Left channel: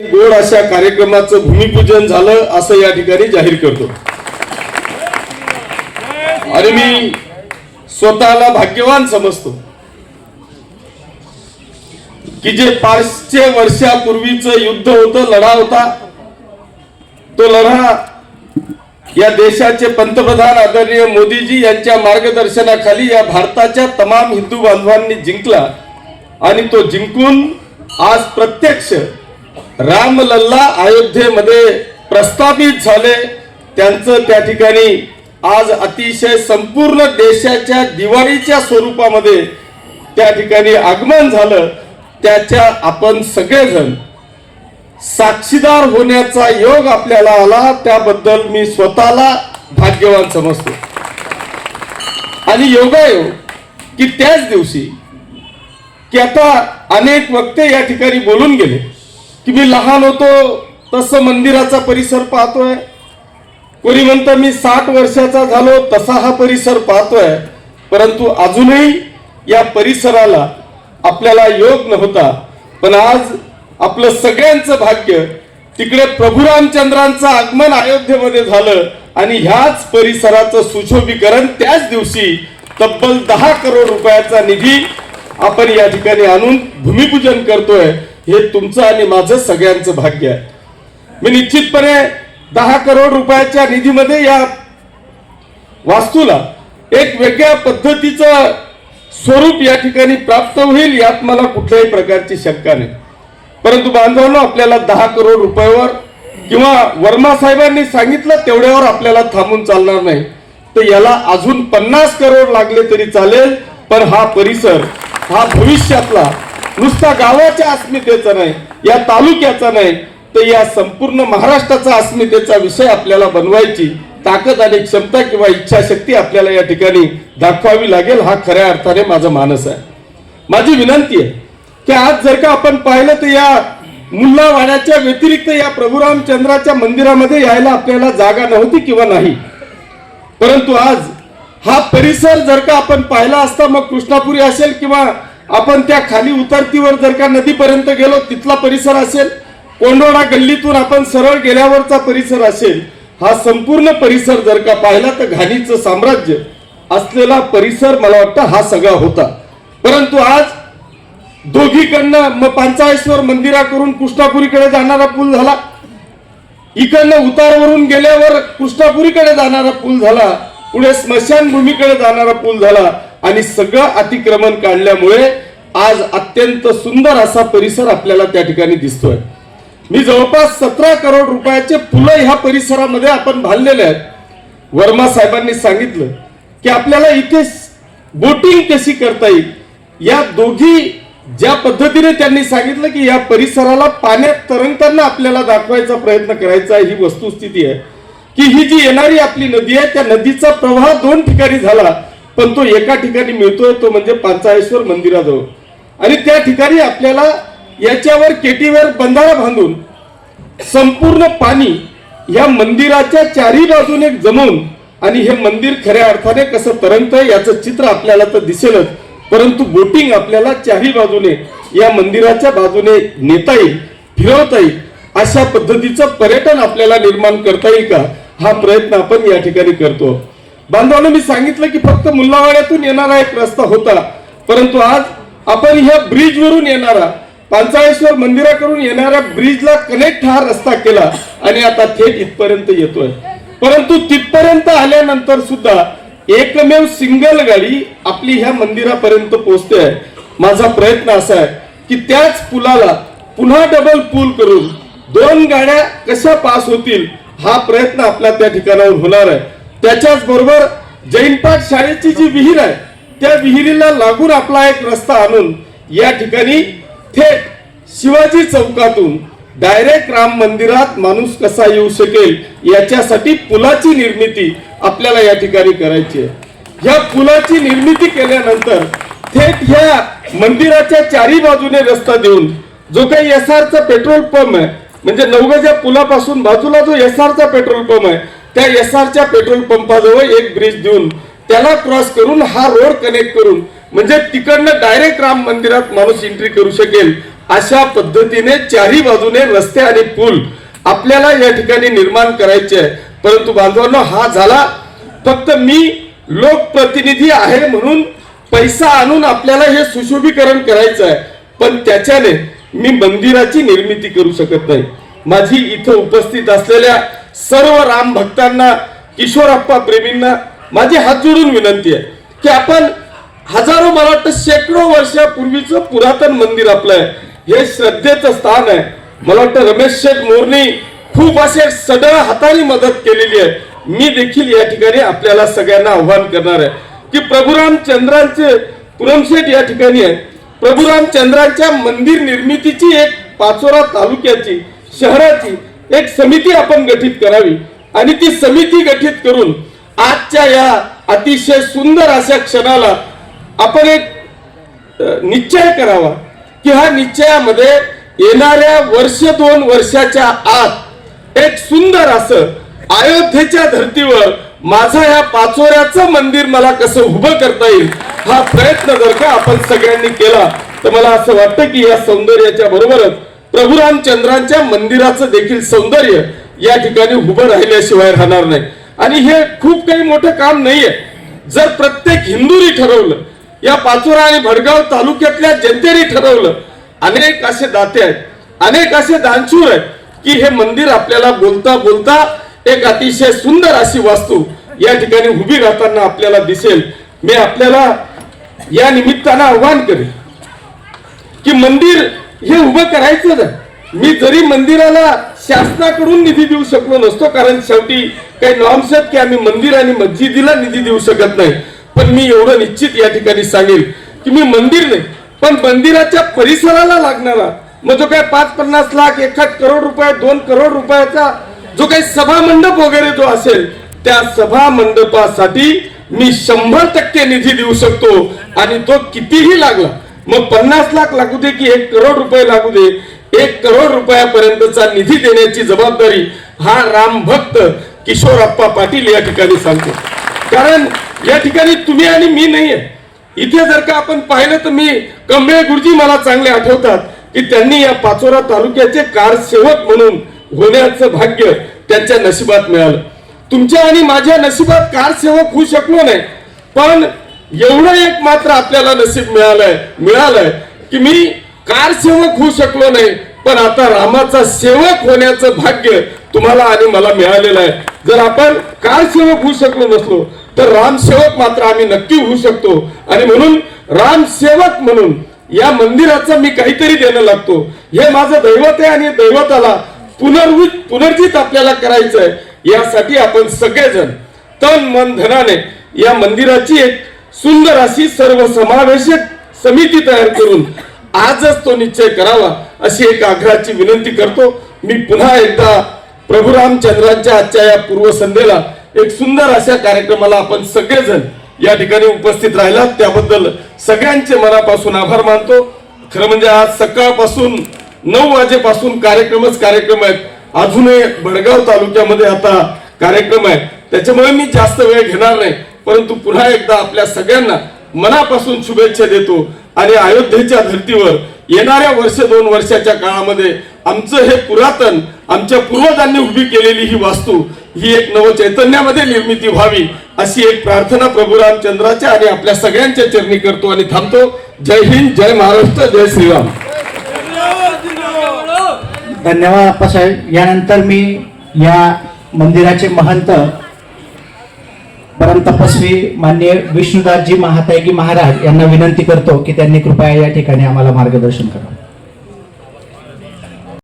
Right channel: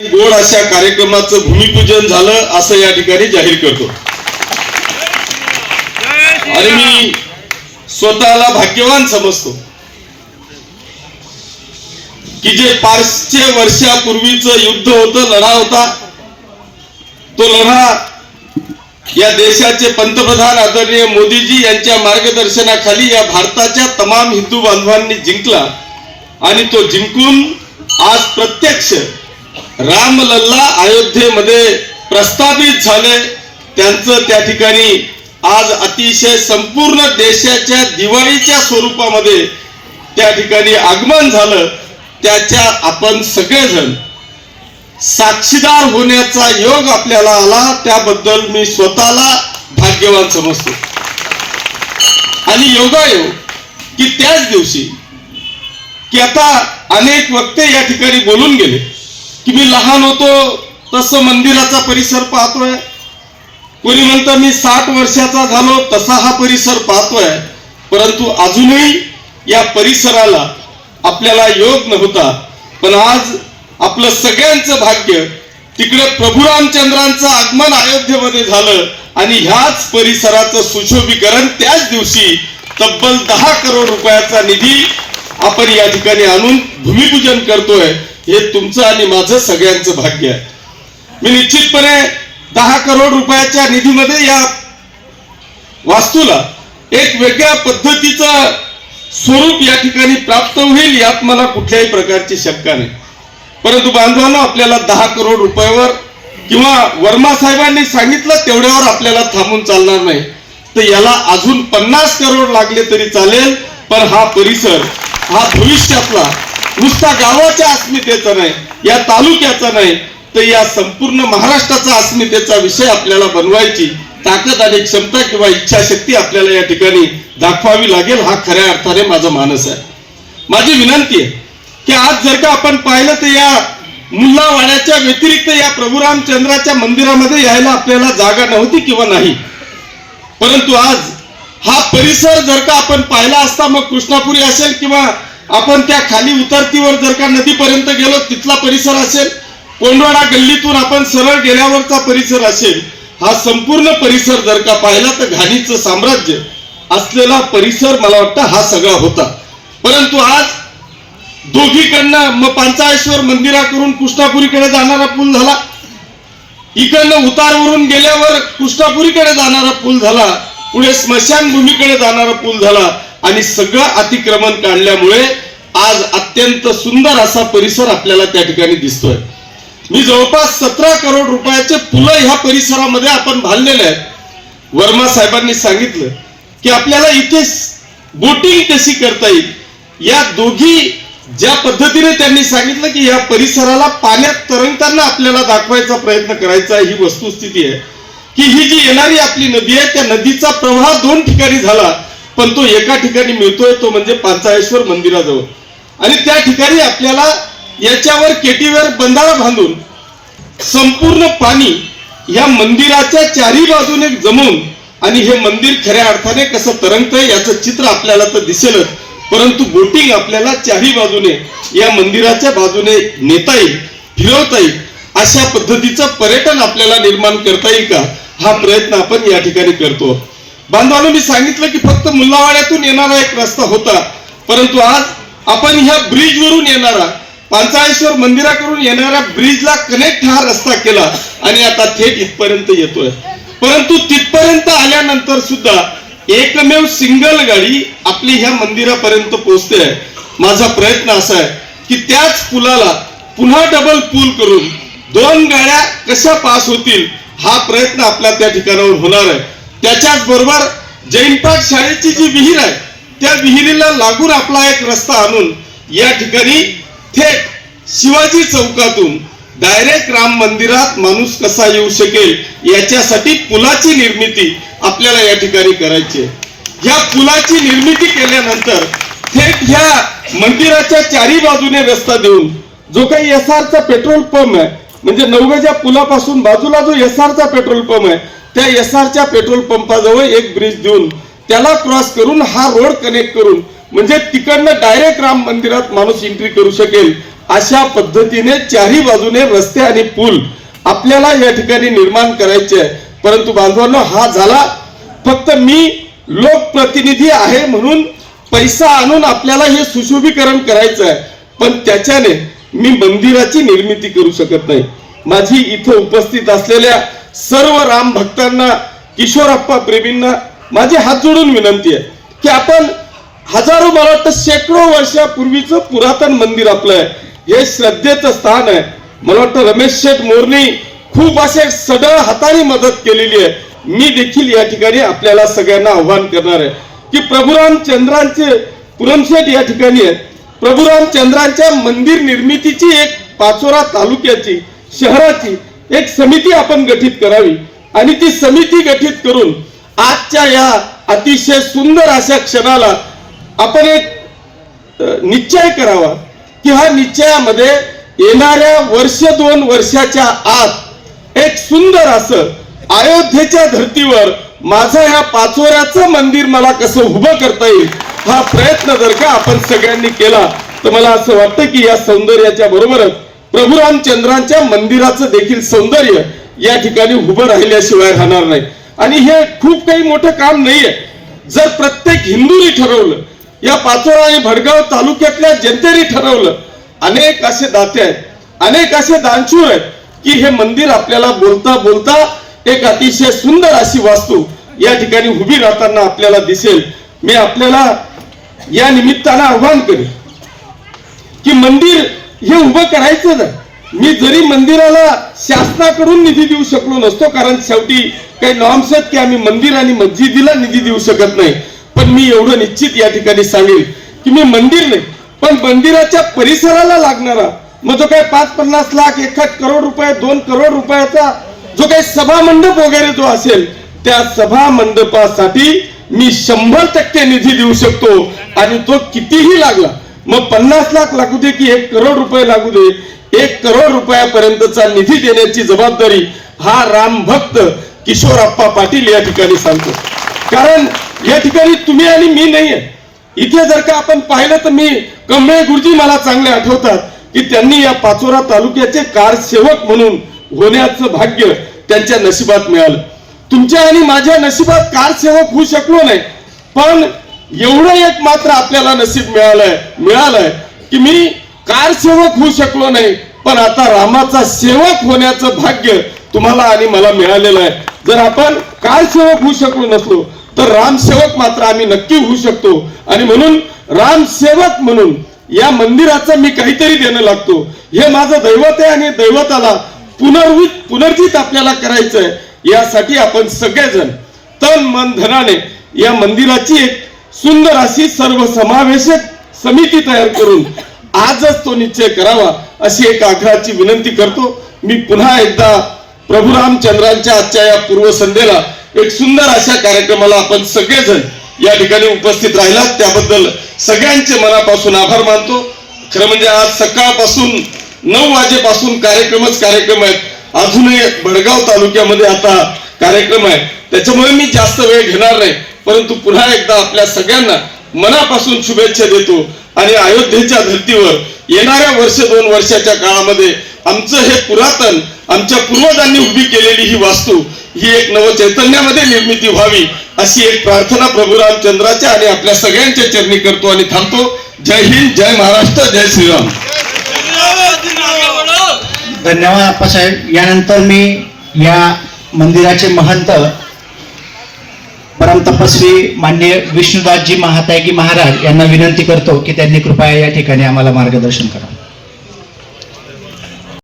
गोड अशा कार्यक्रमाचं भूमिपूजन झालं असं या ठिकाणी जाहीर करतो. आणि मी स्वतःला भाग्यवान समजतो की जे पाचशे वर्षापूर्वीच युद्ध होतं लढा होता तो लढा या देशाचे पंतप्रधान आदरणीय मोदीजी यांच्या मार्गदर्शनाखाली या भारताच्या तमाम हिंदू बांधवांनी जिंकला आणि तो जिंकून आज प्रत्यक्ष रामलल्ला अयोध्येमध्ये प्रस्थापित झाले. त्यांचं त्या ठिकाणी आज अतिशय संपूर्ण देशाच्या दिवाळीच्या स्वरूपामध्ये त्या ठिकाणी आगमन झालं. त्याच्या आपण सगळेजण साक्षीदार होण्याचा योग आपल्याला आला. त्याबद्दल मी स्वतःला भाग्यवान समजतो. आणि योगायोग की त्याच दिवशी की आता अनेक वक्ते या ठिकाणी बोलून गेले. की मी लहान होतो तसं मंदिराचा परिसर पाहतोय. कोणी म्हणतं मी साठ वर्षाचा झालो तसा हा परिसर पाहतोय. परंतु अजूनही या परिसराला आपल्याला योग नव्हता. पण आज आपलं सगळ्यांचं भाग्य तिकडे प्रभू रामचंद्रांचं आगमन अयोध्येमध्ये झालं आणि ह्याच परिसराचं सुशोभीकरण त्याच दिवशी तब्बल दहा करोड रुपयाचा निधी आपण या ठिकाणी आणून भूमिपूजन करतोय. हे तुमचं आणि माझं सगळ्यांचं भाग्य आहे. मी निश्चितपणे दहा करोड रुपयाच्या निधीमध्ये या वास्तूला एक वेगळ्या पद्धतीचं स्वरूप या ठिकाणी प्राप्त होईल यात मला कुठल्याही प्रकारची शंका नाही. परंतु बांधवांना आपल्याला दहा करोड रुपयावर किंवा वर्मा साहेबांनी सांगितलं तेवढ्यावर आपल्याला थांबून चालणार नाही. तर याला अजून पन्नास करोड लागले तरी चालेल पण हा परिसर हा भविष्यातला नुसता गावाच्या अस्मितेचा नाही या तालुक्याचा नाही तर या संपूर्ण महाराष्ट्राचा अस्मितेचा विषय आपल्याला बनवायची ताकद आणि क्षमता किंवा इच्छाशक्ती आपल्याला या ठिकाणी दाखवावी लागेल हा खऱ्या अर्थाने माझा मानस आहे. माझी विनंती आहे की आज जर का आपण पाहिलं तर या मुल्लावाड्याच्या व्यतिरिक्त या प्रभुरामचंद्राच्या मंदिरामध्ये यायला आपल्याला जागा नव्हती किंवा नाही. परंतु आज हा परिसर जर का आपण पाहिला असता मग कृष्णापुरी असेल किंवा आपण त्या खाली उतरतीवर जर का नदीपर्यंत गेलो तिथला परिसर असेल कोंडवाडा गल्लीतून आपण सरळ गेल्यावरचा परिसर असेल हा संपूर्ण परिसर जर का पाहिला तर घाणीचं साम्राज्य असलेला परिसर मला वाटतं हा सगळा होता. परंतु आज दोघीकडनं मग पांचाळेश्वर मंदिराकडून कृष्णापुरीकडे जाणारा पूल झाला. इकडनं उतारवरून गेल्यावर कृष्णापुरीकडे जाणारा पूल झाला. पुढे स्मशानभूमीकडे जाणारा पूल झाला. आणि सगळं अतिक्रमण काढल्यामुळे आज अत्यंत सुंदर असा परिसर आपल्याला त्या ठिकाणी दिसतोय. मी जवळपास सतरा करोड रुपयाचे पुलं ह्या परिसरामध्ये आपण बांधलेले आहेत. वर्मा साहेबांनी सांगितलं की आपल्याला इथे बोटिंग कशी करता येईल? या दोघी ज्या पद्धतीने त्यांनी सांगितलं की या परिसराला पाण्यात तरंगताना आपल्याला दाखवायचा प्रयत्न करायचा ही वस्तुस्थिती आहे. की ही जी येणारी आपली नदी आहे त्या नदीचा प्रवाह दोन ठिकाणी झाला. पण तो एका ठिकाणी मिळतोय तो म्हणजे पाचाळेश्वर मंदिराजवळ. आणि त्या ठिकाणी आपल्याला याच्यावर केटीवर बंधारा बांधून संपूर्ण पाणी या मंदिराच्या चारी बाजूने जमून आणि हे मंदिर खऱ्या अर्थाने कसं तरंगतंय याचं चित्र आपल्याला तर दिसेलच. परंतु बोटिंग आपल्याला चारी बाजूने या मंदिराच्या बाजूने नेता येईल फिरवता येईल अशा पद्धतीचं पर्यटन आपल्याला निर्माण करता येईल का? हा प्रयत्न आपण या ठिकाणी करतो. बांधवानं मी सांगितलं की फक्त मुल्लावाड्यातून येणारा एक रस्ता होता. परंतु आज आपण ह्या ब्रिज वरून येणारा पांचाळेश्वर मंदिराकडून येणाऱ्या ब्रिजला कनेक्ट हा रस्ता केला आणि आता थेट इथपर्यंत येतोय. परंतु तिथपर्यंत आल्यानंतर सुद्धा एकमेव सिंगल गाडी आपली ह्या मंदिरापर्यंत पोहोचते. आहे माझा प्रयत्न असा आहे की त्याच पुलाला पुन्हा डबल पूल करून दोन गाड्या कशा पास होतील हा प्रयत्न आपला त्या ठिकाणावर होणार आहे. त्याच्याच बरोबर जैनपाट शाळेची जी विहीर आहे त्या विहिरीला लागून आपला एक रस्ता आणून या ठिकाणी थेट शिवाजी चौकातून डायरेक्ट राम मंदिरात माणूस कसा येऊ शकेल याच्यासाठी पुलाची निर्मिती आपल्याला या ठिकाणी करायची आहे. या पुलाची निर्मिती केल्यानंतर थेट ह्या मंदिराच्या चारी बाजूने रस्ता देऊन जो काही एस चा पेट्रोल पंप आहे म्हणजे नवगेच्या पुलापासून बाजूला जो एस चा पेट्रोल पंप आहे त्या एस च्या पेट्रोल पंपाजवळ एक ब्रिज देऊन त्याला क्रॉस करून हा रोड कनेक्ट करून म्हणजे तिकडनं डायरेक्ट राम मंदिरात माणूस एंट्री करू शकेल अशा पद्धतीने चारही बाजूने रस्ते आणि पूल आपल्याला या ठिकाणी निर्माण करायचे आहे. परंतु बांधवांना हा झाला. फक्त मी लोकप्रतिनिधी आहे म्हणून पैसा आणून आपल्याला हे सुशोभीकरण करायचं आहे. पण त्याच्याने मी मंदिराची निर्मिती करू शकत नाही. माझी इथं उपस्थित असलेल्या सर्व राम भक्तांना किशोरप्पा प्रेमींना माझी हात जोडून विनंती आहे की आपण हजारो मला वाटतं शेकडो वर्षापूर्वीचं पुरातन मंदिर आपलं आहे. हे श्रद्धेचं स्थान आहे. मला वाटतं रमेश शेठ मोरनी खूप असे सगळ्या हाताने मदत केलेली आहे. मी देखील या ठिकाणी आपल्याला सगळ्यांना आव्हान करणार आहे की प्रभुराम चंद्रांचे पुरमशेठ या ठिकाणी आहे. प्रभुराम चंद्रांच्या मंदिर निर्मितीची एक पाचोरा तालुक्याची शहराची एक समिती आपण गठीत करावी आणि ती समिती गठीत करून आजच्या या अतिशय सुंदर अशा क्षणाला आपण एक निश्चय करावा की हा निश्चयामध्ये येणाऱ्या वर्ष दोन वर्षाच्या आत एक सुंदर असं अयोध्येच्या धर्तीवर माझा या पाचोऱ्याचं मंदिर मला कसं उभं करता येईल हा प्रयत्न जर का आपण सगळ्यांनी केला तर मला असं वाटतं की या सौंदर्याच्या बरोबरच प्रभू रामचंद्रांच्या मंदिराचं देखील सौंदर्य या ठिकाणी उभं राहिल्याशिवाय राहणार नाही. आणि हे खूप काही मोठं काम नाहीये. जर प्रत्येक हिंदूनी ठरवलं या पाचोरा आणि भडगाव तालुक्यातल्या जनतेने ठरवलं अनेक असे दाते आहेत अनेक असे दानशूर आहेत की हे मंदिर आपल्याला बोलता बोलता एक अतिशय सुंदर अशी वास्तू या ठिकाणी उभी राहताना आपल्याला दिसेल. मी आपल्याला या निमित्तानं आव्हान करेन की मंदिर हे उभं करायचं ना मी जरी मंदिराला शासनाकडून निधी देऊ शकलो नसतो कारण शेवटी काही नॉर्म्स आहेत की आम्ही मंदिर आणि मस्जिदीला निधी देऊ शकत नाही. पण मी एवढं निश्चित या ठिकाणी सांगेल की मी मंदिर नाही पण मंदिराच्या परिसराला लागणारा मग जो काय पाच पन्नास लाख एखाद करोड रुपये दोन करोड रुपयाचा जो काही सभा मंडप वगैरे जो असेल त्या सभा मंडपासाठी मी शंभर टक्के निधी देऊ शकतो. आणि तो कितीही लागला मग पन्नास लाख लागू दे की एक करोड रुपये लागू दे एक करोड रुपयापर्यंतचा निधी देण्याची जबाबदारी हा राम भक्त किशोरप्पा पाटील या ठिकाणी सांगतो. कारण या ठिकाणी तुम्ही आणि मी नाहीये. इथे जर का आपण पाहिलं तर मी कमळे गुरुजी मला चांगले आठवतात की त्यांनी या पाचोरा तालुक्याचे कारसेवक म्हणून होण्याचं भाग्य त्यांच्या नशिबात मिळालं. तुमच्या आणि माझ्या नशिबात कारसेवक होऊ शकलो नाही. पण एवढं एक मात्र आपल्याला नशीब मिळालंय मिळालंय की मी कारसेवक होऊ शकलो नाही पण आता रामाचा सेवक होण्याचं भाग्य तुम्हाला आणि मला मिळालेलं आहे. जर आपण कारसेवक होऊ शकलो नसलो तर रामसेवक मात्र आम्ही नक्की होऊ शकतो. आणि म्हणून रामसेवक म्हणून या मंदिराचं मी काहीतरी देणं लागतो. हे माझं दैवत आहे आणि दैवताला पुनर्वित पुनर्जित आपल्याला करायचं आहे यासाठी आपण सगळेजण तन मन धनाने या मंदिराची एक सुंदर अशी सर्वसमावेशक समिती तयार करून आजच तो निश्चय करावा अशी एक आग्रहाची विनंती करतो. मी पुन्हा एकदा प्रभुरामचंद्रांच्या आजच्या या पूर्वसंध्येला एक सुंदर अशा कार्यक्रमाला आपण सगळेजण या ठिकाणी उपस्थित राहिला त्याबद्दल सगळ्यांचे मनापासून आभार मानतो. खरं म्हणजे आज सकाळपासून नऊ वाजेपासून कार्यक्रमच कार्यक्रम आहेत. अजूनही भडगाव तालुक्यामध्ये आता कार्यक्रम आहे त्याच्यामुळे मी जास्त वेळ घेणार नाही. परंतु पुन्हा एकदा आपल्या सगळ्यांना मनापासून शुभेच्छा देतो आणि अयोध्येच्या धर्तीवर येणाऱ्या वर्ष दोन वर्षाच्या काळामध्ये आमचं हे पुरातन आमच्या पूर्वजांनी उभी केलेली ही वास्तू ही एक नव चैतन्यामध्ये निर्मिती व्हावी अशी एक प्रार्थना प्रभू रामचंद्राच्या आणि आपल्या सगळ्यांच्या चरणी करतो आणि थांबतो. जय हिंद जय महाराष्ट्र जय श्रीराम. धन्यवाद अप्पासाहेब. यानंतर मी या मंदिराचे महंत परम तपस्वी मान्य विष्णुदासजी महातायगी महाराज यांना विनंती करतो की त्यांनी कृपया या ठिकाणी आम्हाला मार्गदर्शन करावं